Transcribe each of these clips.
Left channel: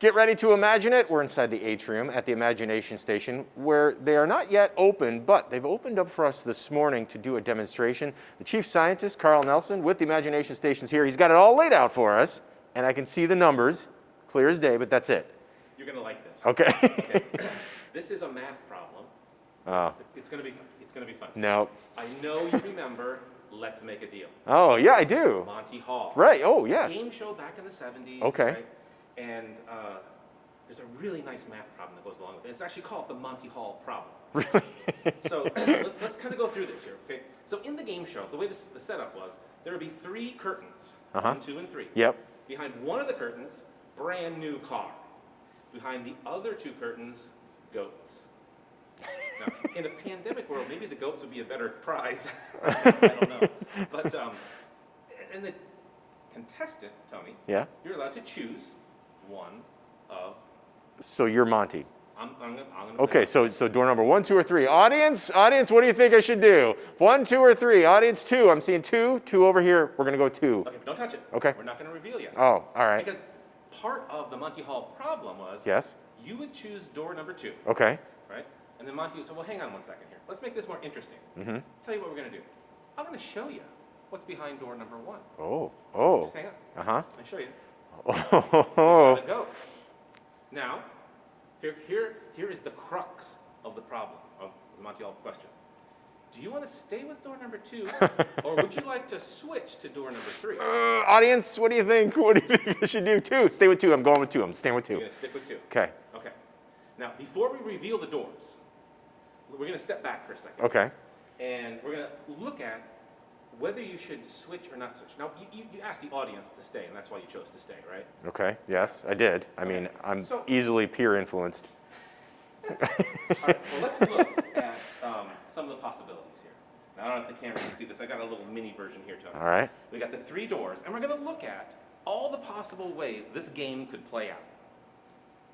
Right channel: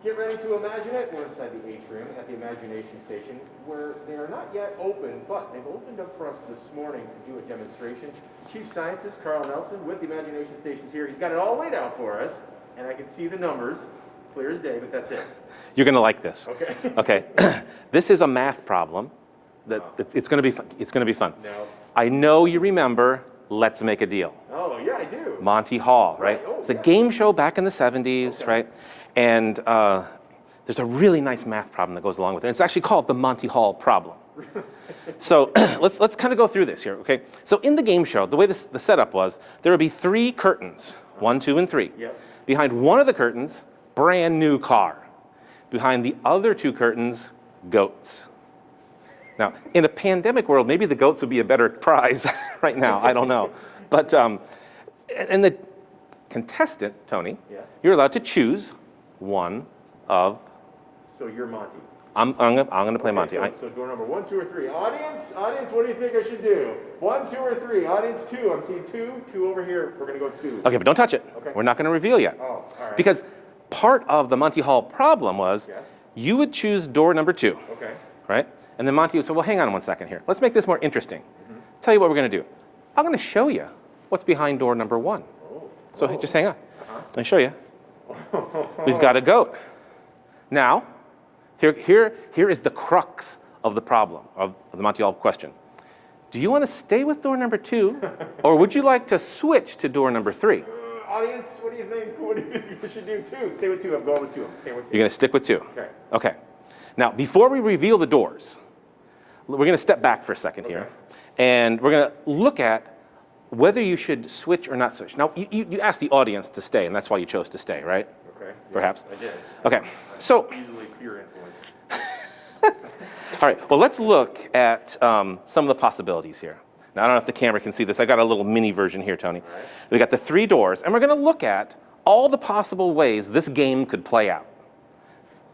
Get ready to imagine it. We're inside the atrium at the Imagination Station, where they are not yet open, but they've opened up for us this morning to do a demonstration. The chief scientist, Carl Nelson, with the Imagination Station's here. He's got it all laid out for us, and I can see the numbers, clear as day, but that's it. You're going to like this. Okay. Okay. This is a math problem. It's going to be fun. It's going to be fun. No. I know you remember Let's Make a Deal. Oh, yeah, I do. Monty Hall. Right. Oh, it's yes. a game show back in the 70s, Okay. right? And there's a really nice math problem that goes along with it. It's actually called the Monty Hall problem. Really? So let's kind of go through this here, okay? So in the game show, the way the setup was, there would be 3 curtains, 1, 2, and 3. Yep. Behind one of the curtains, brand new car. Behind the other 2 curtains, goats. Now, in a pandemic world, maybe the goats would be a better prize right now. I don't know. But, and the contestant, Tony, Yeah. you're allowed to choose one of. So you're Monty. I'm gonna play Okay, Monty. Right? so door number 1, 2, or 3. Audience, what do you think I should do? 1, 2, or 3? Audience 2. I'm seeing 2. 2 over here. We're gonna go 2. Okay, but don't touch it. Okay. We're not gonna reveal yet. Oh, all right. Because part of the Monty Hall problem was Yes. you would choose door number 2, Okay. right? And then Monty would say, well, hang on one second here. Let's make this more interesting. Tell you what we're gonna do. I'm gonna show you what's behind door number 1. Oh. So just hang on. Uh-huh. Let me show you. We've got a goat. Now, here is the crux of the problem, of the Monty Hall question. Do you want to stay with door number 2, or would you like to switch to door number 3? Audience, what do you think? What do you think I should do? 2. Stay with 2. I'm going with 2. I'm staying with 2. You're going to stick with 2. Okay. Okay. Now, before we reveal the doors, we're going to step back for a second Okay. here. And we're going to look at whether you should switch or not switch. Now, you asked the audience to stay, and that's why you chose to stay, right? Okay. Yes, Perhaps. I did. Okay. I'm So- easily peer influenced. All right, well, let's look at some of the possibilities here. Now, I don't know if the camera can see this. I got a little mini version here, Tony. All right. We got the 3 doors, and we're going to look at all the possible ways this game could play out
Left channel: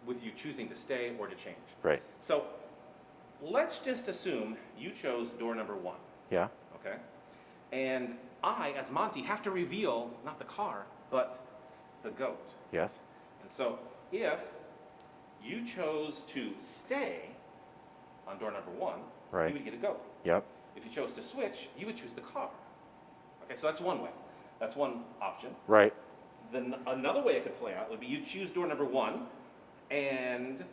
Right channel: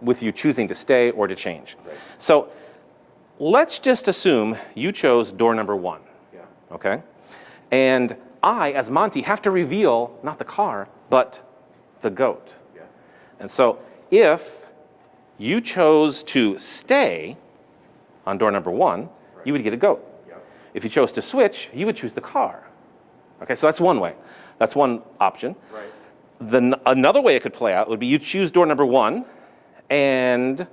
with you choosing to stay or to change. Right. So let's just assume you chose door number 1, Yeah. okay? And I, as Monty, have to reveal not the car, but the goat. Yes. And so if you chose to stay on door number 1, Right. you would get a goat. Yep. If you chose to switch, you would choose the car. Okay, so that's one way. That's one option. Right. Another way it could play out would be you choose door number 1, and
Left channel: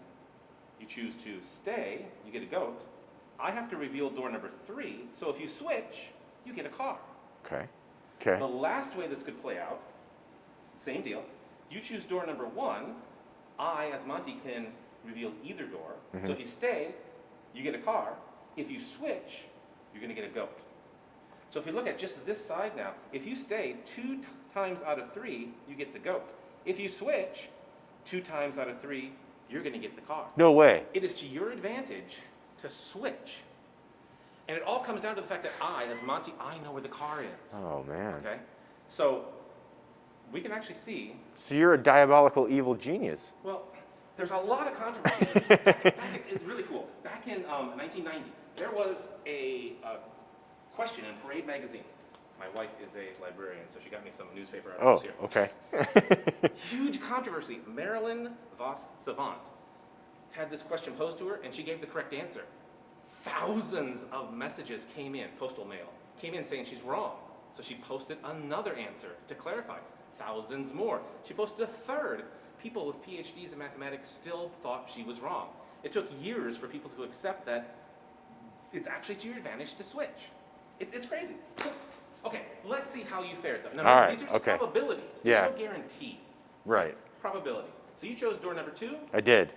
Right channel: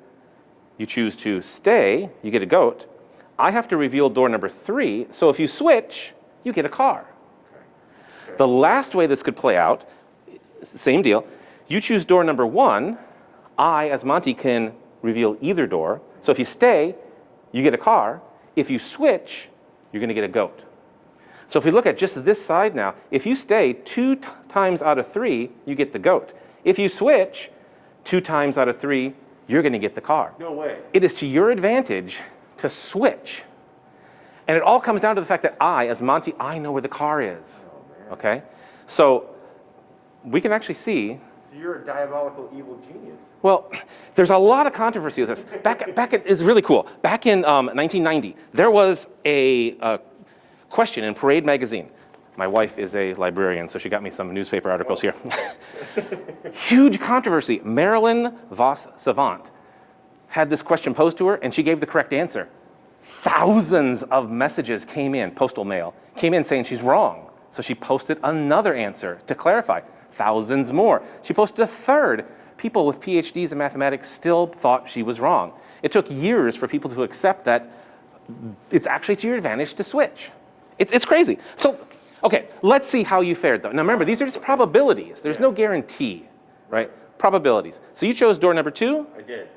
you choose to stay, you get a goat. I have to reveal door number 3, so if you switch, you get a car. Okay. Okay. The last way this could play out, same deal. You choose door number 1. I, as Monty, can reveal either door. So if you stay, you get a car. If you switch, you're going to get a goat. So if we look at just this side now, if you stay 2 times out of 3, you get the goat. If you switch 2 times out of 3, you're going to get the car. No way. It is to your advantage to switch. And it all comes down to the fact that I, as Monty, I know where the car is. Oh, man. Okay? So we can actually see. So you're a diabolical evil genius. Well, there's a lot of controversy with this. It's really cool. Back in 1990, there was a question in Parade magazine. My wife is a librarian, so she got me some newspaper articles here. Okay. Huge controversy. Marilyn Vos Savant had this question posed to her, and she gave the correct answer. Thousands of messages came in, postal mail, came in saying she's wrong. So she posted another answer to clarify. Thousands more. She posted a third. People with PhDs in mathematics still thought she was wrong. It took years for people to accept that it's actually to your advantage to switch. It's crazy. So, okay, let's see how you fared, though. Now, remember, All right, these are just okay. probabilities. There's Yeah. no guarantee, right? Right. Probabilities. So you chose door number 2. I did.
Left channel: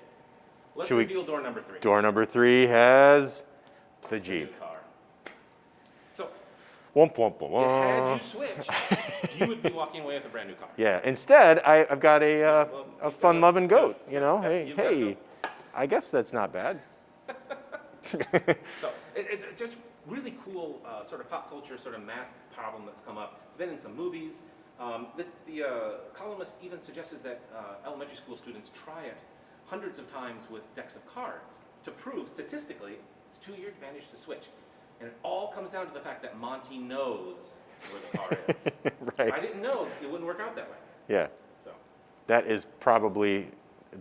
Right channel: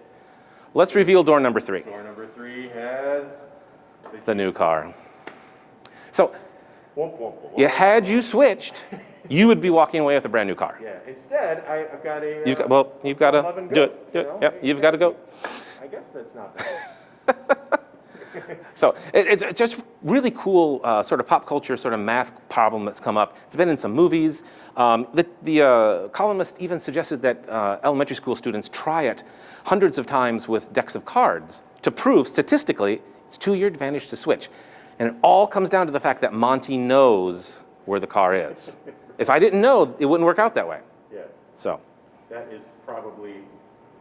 Let's Should we- reveal door number 3. Door number 3 has the The Jeep. new car. So Womp, womp, womp. had you switched, you would be walking away with a brand new car. Yeah. Instead, I've got a, You've got to fun-loving do goat. it. You know? Yep, Hey, you've got to go. I guess that's not bad. So it's just really cool sort of pop culture sort of math problem that's come up. It's been in some movies. The columnist even suggested that elementary school students try it hundreds of times with decks of cards to prove statistically it's to your advantage to switch. And it all comes down to the fact that Monty knows where the car is. If I didn't know, it wouldn't work out that way. Yeah. So That is probably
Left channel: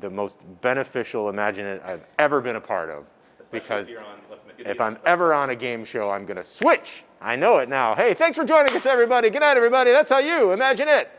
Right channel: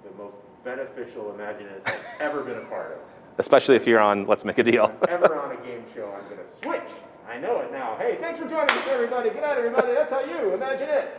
the most beneficial Imagine It I've ever been a part of. Especially if Because you're on Let's Make a if Deal. I'm ever on a game show, I'm going to switch. I know it now. Hey, thanks for joining us, everybody. Good night, everybody. That's how you imagine it.